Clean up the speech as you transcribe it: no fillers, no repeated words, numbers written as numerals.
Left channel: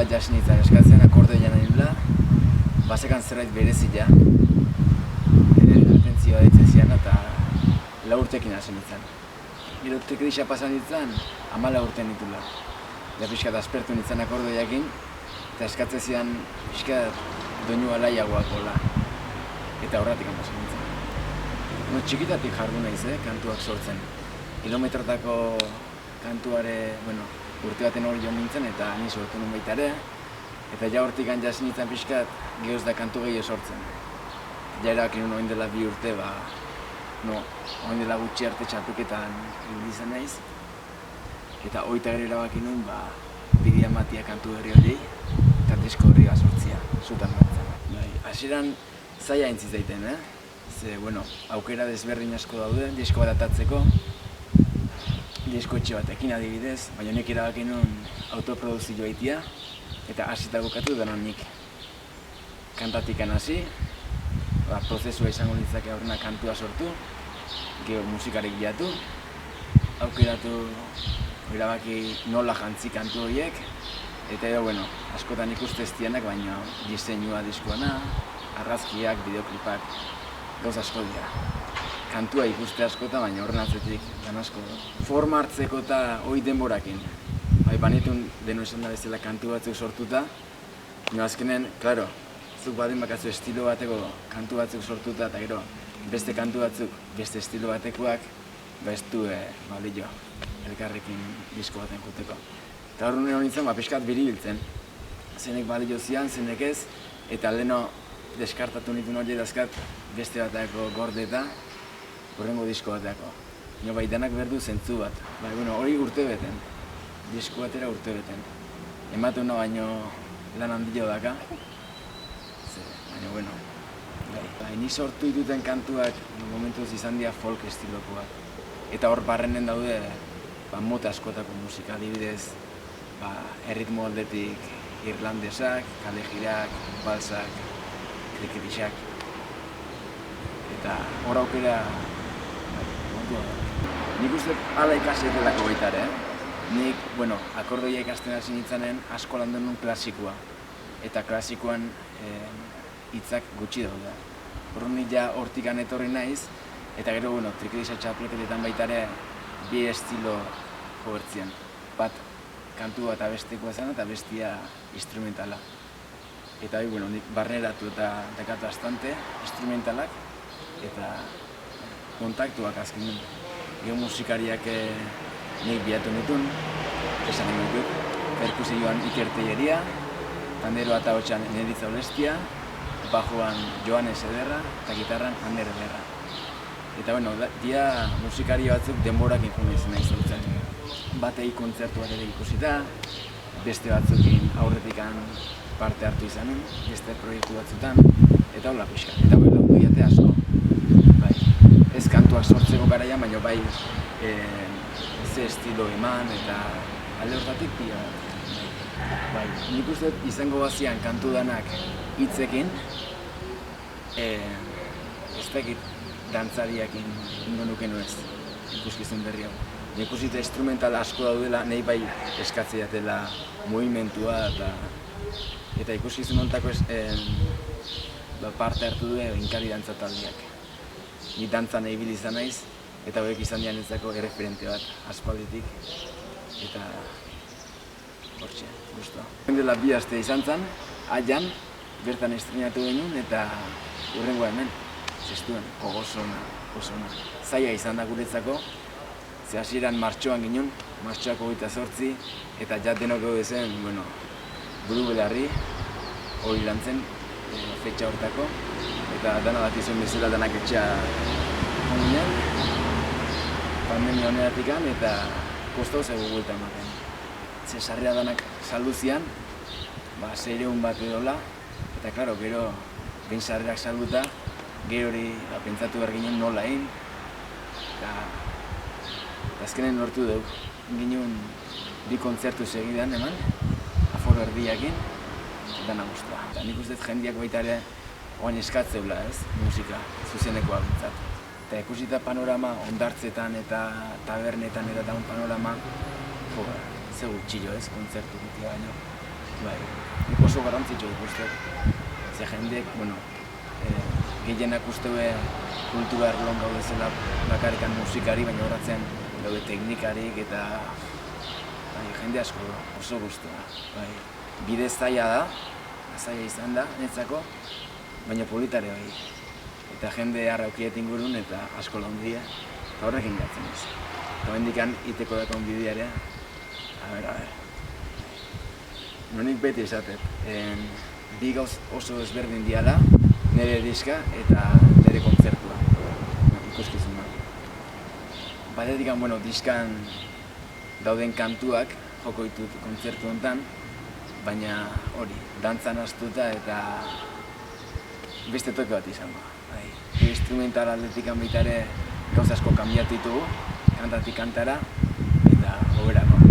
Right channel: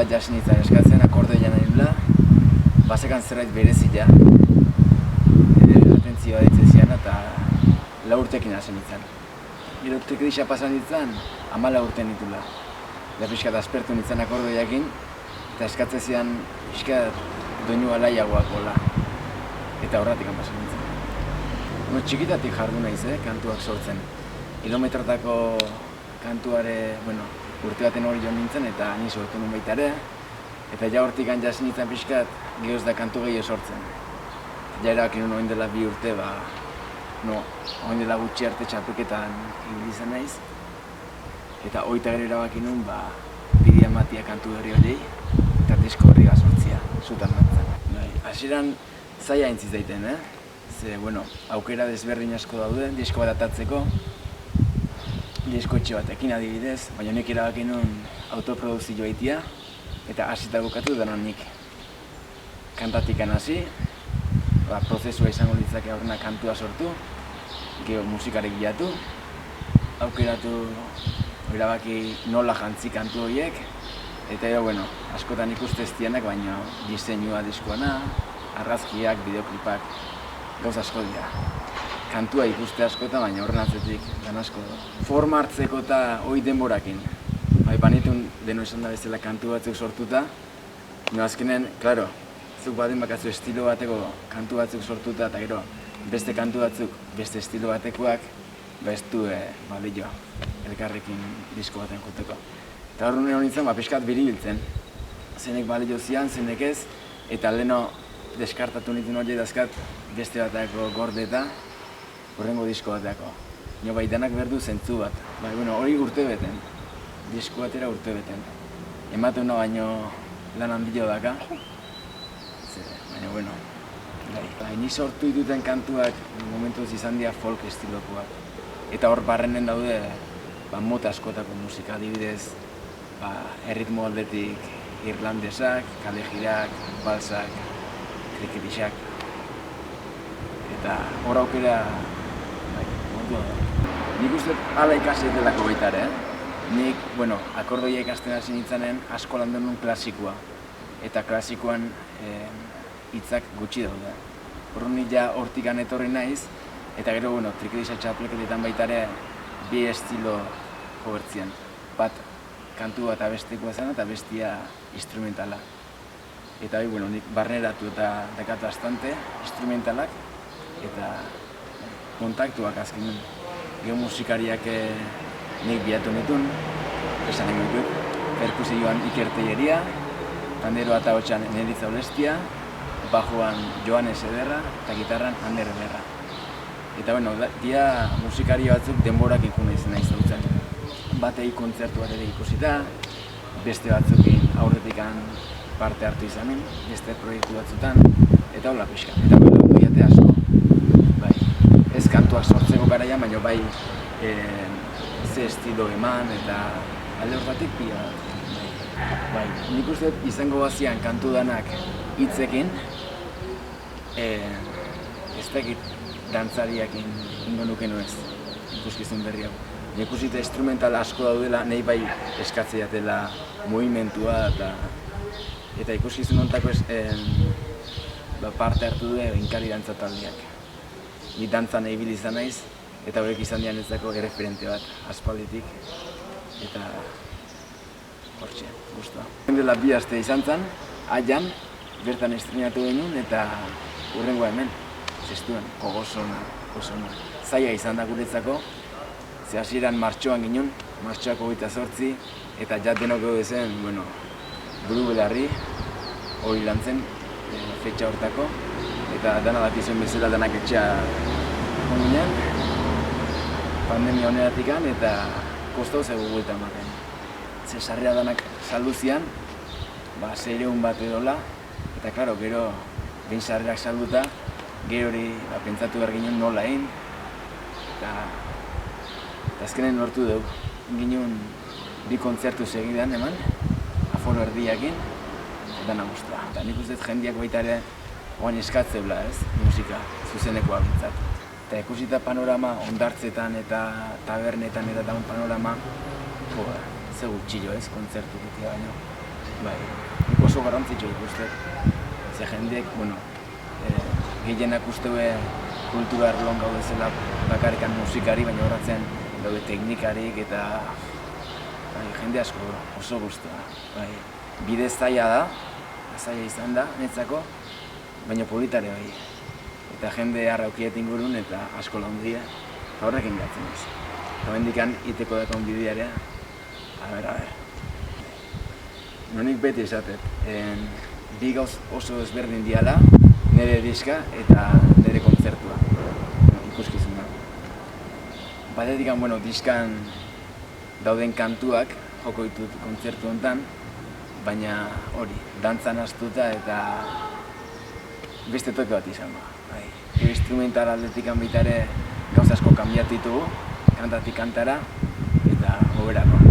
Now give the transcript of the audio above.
bat jasin nintzen eskatzen, akordeoia nahi nula, basekan zerbait berezia, atentzioa ditzen zian eta 4 urtekin hasi nintzen. Gero trikedixa pasan nintzen, 14 urte nitula. Da pixkat aspertu nintzen akordeoiakin, eta eskatzen zian pixkat doinu alaiagoakola. Eta horretik pasan nintzen. Txikitatik jardu naiz, kantuak sortzen. Kilometrotako kantuare, urte baten hori joan nintzen eta ni sortu nun baita ere. Eta ja hortik jasin nintzen pixkat, gehoz da kantu gehiago sortzen. Ja erabaki nun oin dela 2 urte, oin dela gutxi arte txapelketan ibili izan naiz. Eta hoita gero erabaki nun, bidea ematia kantu berri horiei, eta disko horri sortzia, zutan mantzen. Hasieran zaila aintziz daiten, Ze, aukera desberdin asko daude, disko bat atatzeko, disko etxe batekin adibidez, baina nik erabaki nun autoprodukzio egitea, eta hasita bukatu denon nik kantatikan hasi, prozesua izango litzake aurrena kantua sortu, gero musikarek bilatu, aukeratu erabaki nola jantzi kantu horiek, eta askotan ikuste ez dianak, baina diseinua diskoana, argazkiak, bideoklipak, gauza asko dira. Kantua ikuste askota, baina horren atzetik lan asko du. Forma hartzeko eta hori denborakin. Banitun deno esan da bezala kantu batzuk sortuta, azkenen, klaro, zuk baden bakatzu estilo bateko kantu batzuk sortuta, eta gero beste kantu batzuk, beste estilo batekoak, ez du balio elkarrekin disko baten juteko. Eta hor nire nintzen, pixkat biribiltzen. Zenek balio zian, zenek ez, eta leheno deskartatu nituen hori dazkat beste bateko gordeta, horrengo disko bateko. Bai, denak berdu zentzu bat. Hori urte beten, disko batera urte beten. Ematen no baino lan handio daka. Baina, ni sortu dituten kantuak momentuz izan dira folk estilokoak. Eta hor barrenen daude mota askotako musika, adibidez, erritmo aldetik irlandesak, kalejirak, balsak, trikitixak. Eta hor aukera, montua da. Nik uste ala ikasi delako baita ere, Nik, akordeoia ikasten hasi nintzanen asko landu nun klasikoa. Eta klasikoan hitzak gutxi daude. Horren nik ja hortikan etorri naiz, eta gero, trikedixa txapelketetan baita ere bi estilo jobertzien. Bat kantua eta bestekoa zen eta bestia instrumentala. Eta nik barneratu eta dakatu bastante instrumentalak eta kontaktuak azken gero musikariak nik bilatu nituen, esan egin dut, perkusioan Iker Telleria, panderoa eta hotxan Neritza Olestia, bajoan Joanes Ederra eta gitarran Ander Ederra. Eta dia musikari batzuk denborakin juna izan nahi zautzen. Batei kontzertuak ere ikusita, beste batzukin aurretikan parte hartu izanen, beste proiektu batzutan, eta hola pixka. Eta lagundu diate asko. Ez kantuak sortzeko garaian, baina ze estilo eman eta alde hortatik pila bat. Nik uste izango bazian kantu danak hitzekin, ez dakit dantzariakin ingo nuken ez, ikuskizun berri hau. Nik uste instrumental asko daudela, nahi bai eskatzea dela movimentua eta ikuskizun hontako parte hartu du inkari dantza taldeak. Ni dantzan ibili izan naiz, eta horiek izan dian ezako erreferente bat, aspalditik, eta hortxe, guztua. Dela 2 aste izan zen, Aian, bertan estrenatu genuen, eta hurrengoa hemen, zestuen, gogosona, osona. Zaila izan da guretzako, ze hasieran martxoan ginen, martxoak 28, eta ja denok gaude zen, buru belarri, hori lan zen, fetxa hortako, eta dana dakizuen bezala danak etxea ginen, pandemia honeratikan, eta kostau zego buelta ematen. Ze sarrera danak saldu zian, 600 bat edola, eta klaro, gero behin sarrerak salduta, gero hori pentsatu behar ginen nola egin, eta azkenen lortu dugu. Ginen 2 kontzertu segidan eman, aforo erdiakin, dana guztua. Eta nik uste jendeak baita ere oain eskatzeula, musika zuzenekoa bintzat. Eta ikusita panorama ondartzetan eta tabernetan eta daun panorama, ze gutxillo kontzertu gitea baino. bai, nik oso garrantzitsua ikusten. Ze jendeek, bueno, gehienak usteue kultura arloan gaudezela bakarrikan musikari, baina horratzean daude teknikarik eta jende asko oso guztua. Bide zaila da, zaila izan da, netzako, baina politare bai. Eta jende arraukiet ingurun eta asko laundia, eta horrekin gatzen ez. Eta bendikan iteko dakon bidearea, a ber. Nonik beti esatet, bi gauz oso ezberdin diala, nire diska eta nire kontzertua, ikuskizuna. Batetik, diskan dauden kantuak joko ditut kontzertu honetan, baina hori, dantzan astuta eta beste toke bat izango. Instrumental aldetik baita ere gauza asko kanbiatu ditugu, kantatik kantara eta hoberako.